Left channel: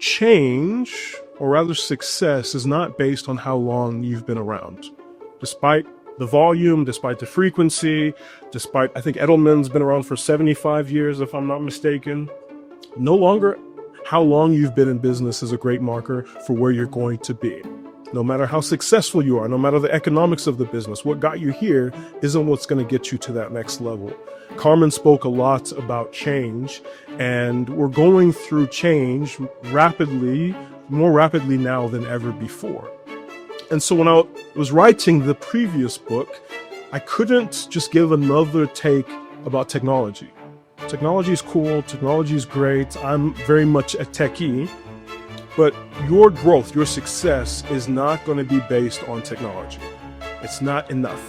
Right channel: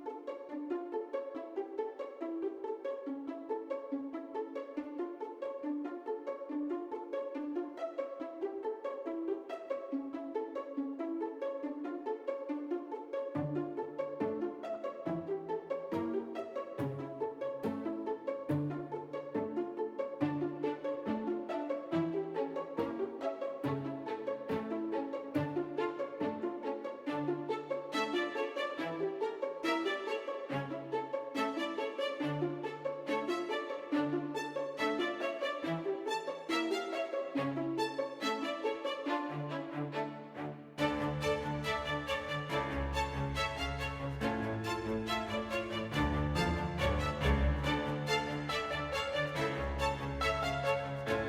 change, or rather success, is not based on how long you've been around. Despite the volume, despite the frequency, despite, I think Edelman's been around for 75 years, if I'm not mistaken. No longer how long you've been in business is a great marker for where you're going to be. No matter how successful you are, no matter the economics of the business, what got you here isn't what's going to get you to that next level. Carmen spoke a lot about change, and we're going through change rapidly, more rapidly now than ever before. And so when I was writing the previous book, I couldn't just give another take about technology. Technology is cool, technology is great, I'm very much a techie, but your growth, your success is not going to be based on technology. It's not enough.